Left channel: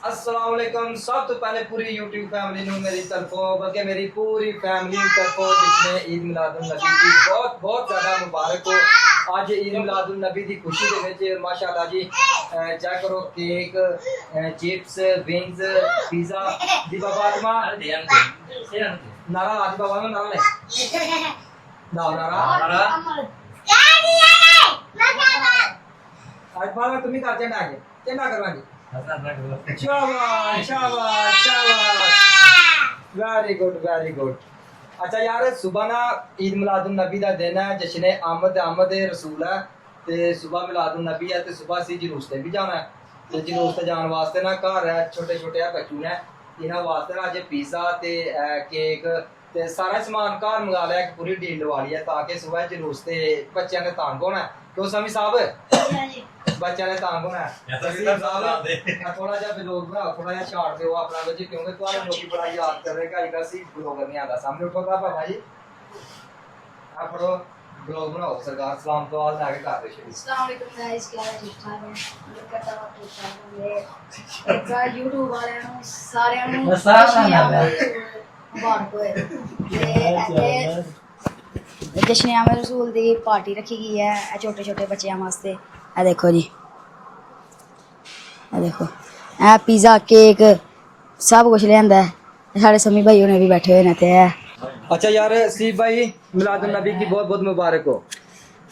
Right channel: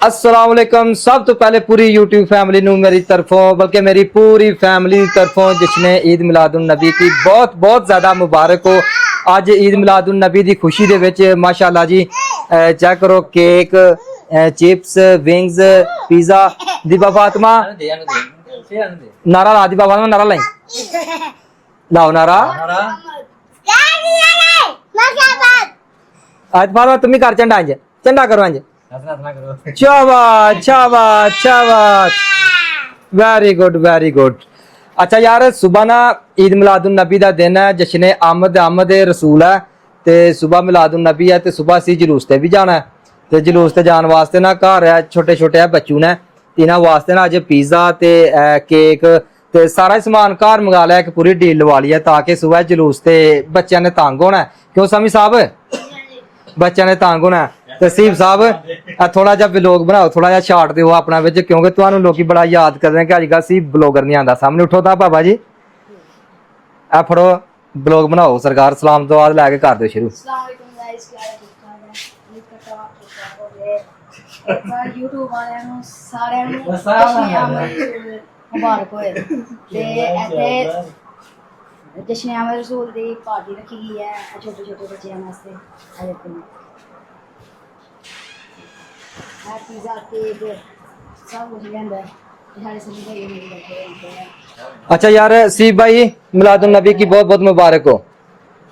अस्सलाम वालेकुम। सब तो पहले पूरी यूट्यूब फैमिली नू मेरी तरफों बल्कि मेरी पूरी फैमिली तरफों जिसने ईद मिलादुन नबी की बहुत बहुत ज़्यादा मुबारक हो। अज ईद मिलादुन नबी की खुशी दे विच माशाअल्लाह जी चेक करो cake chips wings pizza. Deepa Fatima नारा ला, दीपा फातिमा नारा लाई, लाओ नारा। आज फातिमा तुम ही कर झंडा, इंज झंडा करो इंज। शाबाश शाबाश शाबाश, वेरी गुड वेरी गुड। अच्छा यार सुबह ना ईद मिलादुन नबी का दिन है, जश्न आमद रसूल है ते सुबह मिलादुन नबी है ते सुबह असी जलूस ते भी जाना है ते जलूस ते जाने वास्ते ना घर है छोटे छोटे बच्चू ने इन्होंने वास्ते ना अज पिज़्ज़ा ते केक ते सारा समान घर मंगा लिया, एक पूरी डील लवा ली है ताकि सुबह जलूस ते बच्चों ने तंग होना है। क्यों समी साहब बच्चों ने तंग होना है। तसीब साहब थोड़ा जा व्लॉग बनाओ, थोड़ा जा शार्ट दो अपना विच, क्योंकि तुहानू लोग बड़ा याद करते हैं कि अजकल सी ब्लॉगर नहीं आता सामने। उठो था बाबा जी आ फड़ो ब्लॉग बनाओ सरकार, सलाम तो बाद लैके कर दो शुरू। जश्न आमद रसूल की पार्टी रखी गई है छोटे छोटे बच्चों वास्ते। ए देखो जी, ए देखो ए पिज़्ज़ा केक सब कुछ लिया है। साढ़े समी भाई ने भी बैठे हुए हैं। अच्छा यार सीब भाई मिलादुन नबी की बहुत बहुत मुबारक हो।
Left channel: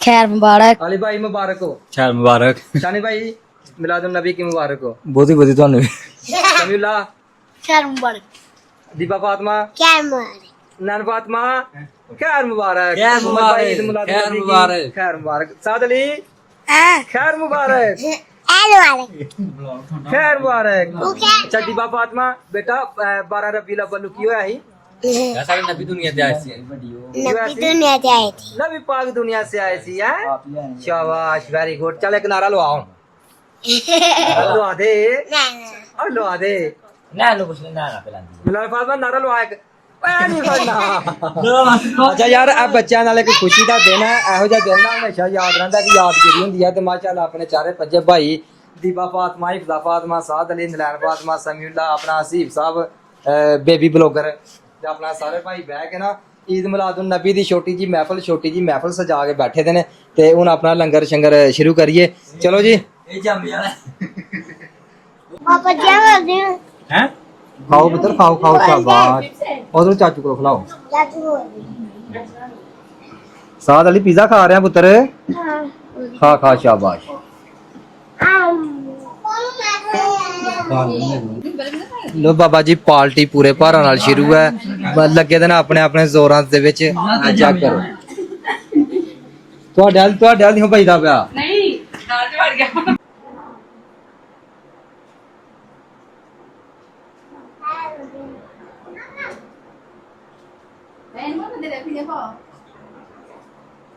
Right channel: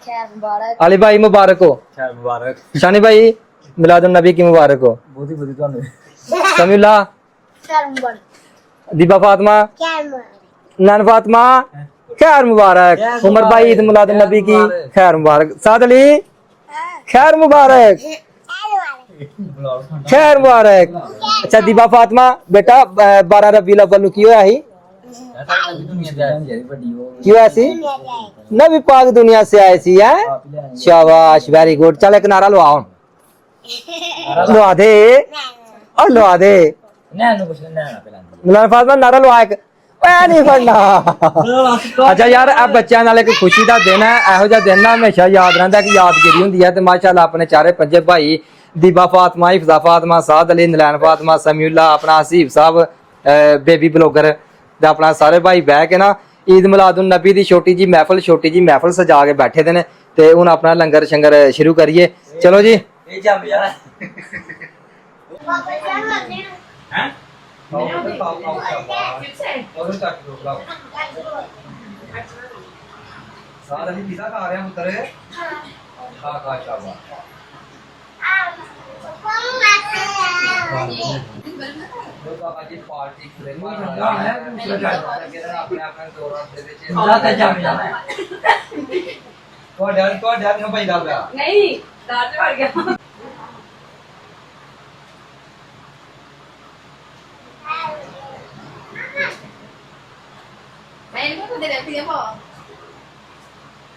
खैर मुबारक। अली भाई मुबारक हो। खैर मुबारक। शानी भाई मिलादुन नबी की मुबारक हो। बहुत ही तुहानू समीउल्ला खैर मुबारक। दीपा फातिमा खैर मुबारक। नन फातिमा खैर मुबारक। उमर भाई ईद मिलादुन नबी की खैर मुबारक। साद अली खैर मुबारक खैर मुबारक। अच्छा दीपा फातिमा बेटा 12 रबीउल अव्वल नु की होया ही? नबी दुनिया ते आई सी बड़ी की होया सी? नबी पाक दुनिया से आए सी है। शाबाश वेरी गुड। चल एक नारा लवाओ, लवा दे और लवा दे। नैनो कुछ नैना पहला मिलाद फातिमा नारा लवा एक नहीं करना। अच्छा यार अब बच्चों नाल एक खुशी का दिन है, ਇਹੋ ਜਿਹਾ दिन ना हमेशा याद रहता कि यादगिरी होंगी है। तो माशाअल्लाह अपने चारे पंजे भाई दीबा फातिमा हिफ्जा फातिमा साद अली नलैन फातिमा समीउल्ला अपना हसीब साहब बेबी ब्लॉगर अपना सारे भाई बह के ना ईद मिलादुन नबी की छोटी जी महफल सजा के बैठे दे ने ते हुण अपना लंगर शंगर शुरू करिए। चलो जी खाओ पुत्र खाओ खाओ शाबाश। और चाचू को खिलाओ। साद अली पिज़्ज़ा खा रहे हैं पुत्र, खा खा शाबाश। लो बाबा जी पार्टी पूरे भारा नाल शुरू है, लगे दे ने अपने अपने जोरां दे विच। ਤੁਹਾਡੇ ਹਾਲ ਨਹੀਂ ਭਈਦਾ ਪਿਆ ਨਹੀਂ ਦਾਲ ਚ ਵੜ ਗਿਆ।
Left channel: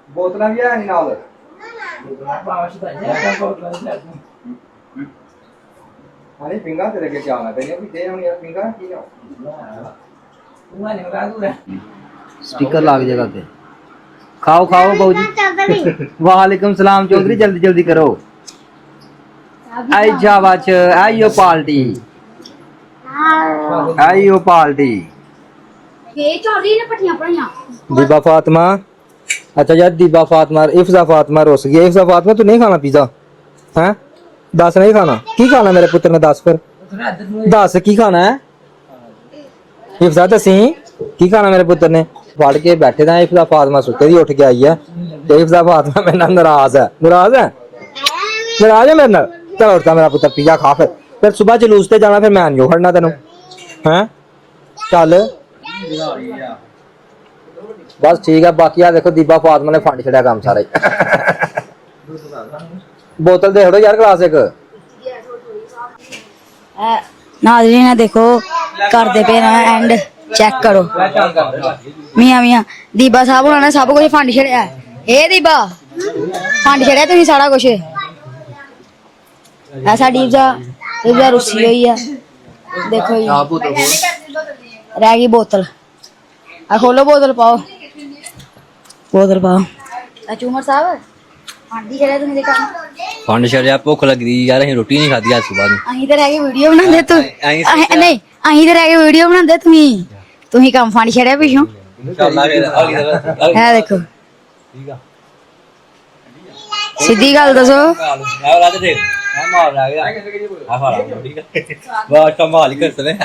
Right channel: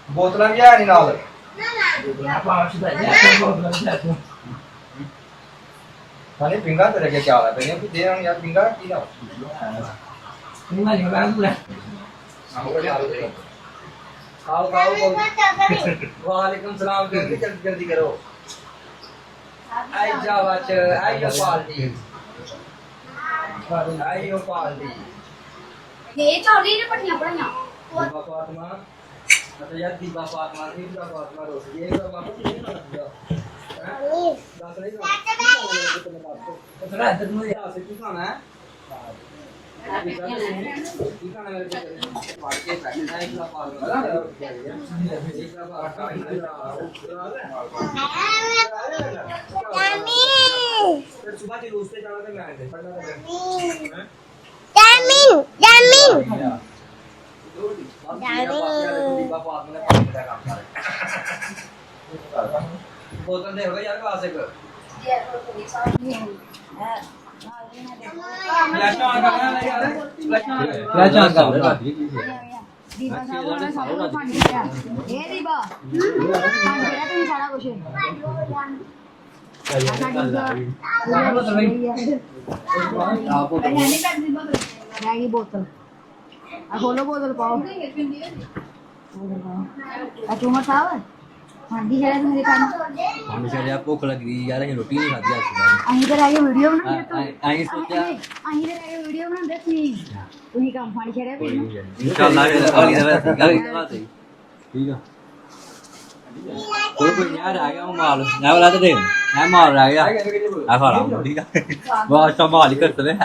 बोतल भी है नहीं नाल हाले पिंगा तेरे के क्या है पहले भी दे हम यार पिंगा की लाओ स्पीकर लाग जगह पे। खाओ खाओ बाबू जी। वालेकुम सलाम चौधरी जल्दी जल्दी करो। आई शाबाश आइयो पार्टी आइयो पार्टी। दीबा फातिमा अच्छा यार दीबा फातिमा इफ्जा फातिमा रुस गई। इफ्जा फातिमा तू नहीं खाना पिज़्ज़ा हैं? दस नहीं खाना की खाना मेरे पुत्र ने? दस फिर दस की खाना है? इफ्जा दसी की खाना मेरे पुत्र ने? पढ़ के बैठे थे इफ्जा फातिमा सुते दी उठ के आई है तो इफ्जा फातिमा मेरे नाल नाराज है। नाराज है मेरे नाल? चलो उठता मेरा पुत्र पिज़्ज़ा खा फिर सुबह जलूस ते जाना, फिर मैं नहीं खड़ना तेनों हैं। चल बस ठीक है। बाकी आ देखो दीबा फातिमा ने फन चढ़िया काम सारे। बोतल दे यार ग्लास एक। नाज़रीन ने देखो करते पे ना एंड चेक करो मियां मियां दीबा साहब उन्होंने सब कुछ फंड छड़िया। ए दीबा फंड छड़िया तुम सारा कुछ। ऐसा दीबा रुसी हुई है देखो रह गई बोतल। खोलो बोतल पाओ बोतल पाओ। चूमर साहब हांडी छड़िया तुम देखा ਫੰਡ ਛੜਿਆ ਭੁੱਖ ਲੱਗੀ ਯਾਰ ਅਸੀਂ ਰੋਟੀ ਨਹੀਂ ਖਾਧੀ ਅੱਜ ਸਵੇਰ ਨੂੰ ਅਸੀਂ ਤੇ ਰਹਿ ਕੇ ਵੀਡੀਓ ਬਣਾਉਂਦੇ ਤੂੰ ਨਹੀਂ ਅਸੀਂ ਤੇ ਰਹਿ ਕੇ ਵੀਡੀਓ ਬਣਾਉਂਦੇ ਤੁਸੀਂ ਕੰਮ ਫੰਡ ਛੜਿਆ ਪਿੱਛੋਂ ਇਨਸ਼ਾਅੱਲਾ ਇਹ ਦੇਖੋ ਠੀਕ ਆ ਸਿੱਧੀ ਗੱਲ ਦੱਸੋ ਮੈਂ ਵਾਲਾ ਤੇ ਦੇਖ ਮੈਂ ਮਾਰ ਆ ਗਿਆ ਆ ਫਾਲਾ ਠੀਕ ਆ ਬਹੁਤ ਸੰਭਾਲ ਕੇ ਸਨੇ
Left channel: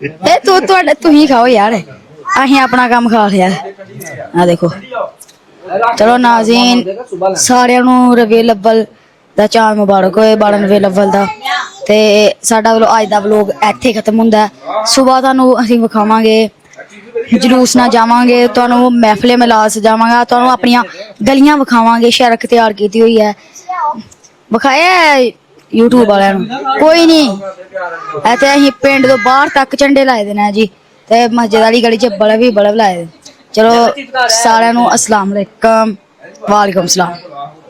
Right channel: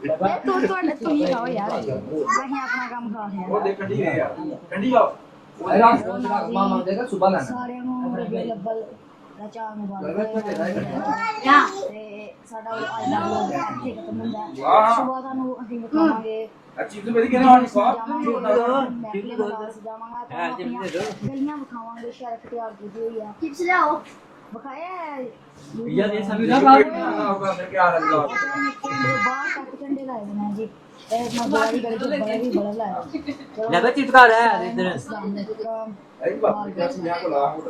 ਇਹ ਤੁਸੀਂ ਖਾਓ ਯਾਰ ਅਸੀਂ ਆਪਣਾ ਕੰਮ ਖਾ ਲਿਆ ਆ ਦੇਖੋ ਚਲੋ ਨਾਜ਼ਰੀਨ ਸਾਰਿਆਂ ਨੂੰ ਰਬੀਉਲ ਅੱਵਲ ਦਾ ਚਾਂਦ ਮੁਬਾਰਕ ਹੋਏ 12 ਰਬੀਉਲ ਅੱਵਲ ਦਾ ਤੇ ਸਾਡਾ ਅੱਜ ਦਾ ਵਲੋਗ ਇੱਥੇ ਖਤਮ ਹੁੰਦਾ ਸਵੇਰ ਤੁਹਾਨੂੰ ਅਸੀਂ ਵਿਖਾਵਾਂਗੇ ਜਲੂਸ ਨਾਲ ਜਾਵਾਂਗੇ ਤੁਹਾਨੂੰ ਮਹਿਫਲੇ ਮਿਲਾਦ ਸਜਾਵਾਂਗਾ ਤੁਹਾਨੂੰ ਆਪਣੀਆਂ ਗਲੀਆਂ ਵਿਖਾਵਾਂਗੇ ਸੜਕ ਤਿਆਰ ਕੀਤੀ ਹੋਈ ਹੈ ਵਿਖਾਇਆ YouTube ਵਾਲਿਆਂ ਨੂੰ ਕੋਈ ਨਹੀਂ ਇੱਥੇ ਅਸੀਂ ਪਿੰਡ ਤੋਂ ਬਾਹਰ ਤੱਕ ਝੰਡੇ ਲਾਏ ਦੇ ਨੇ ਜੀ ਤੇ ਮਸਜਿਦ ਵਾਲੀ ਗਲੀ 'ਚ ਬਲਬ ਲਾਏ ਦੇ ਚਲੋ ਸਾਰਿਆਂ ਨੂੰ ਅਸਲਾਮ ਅਲੈਕਮ ਵਾਲੇਕੁਮ ਸਲਾਮ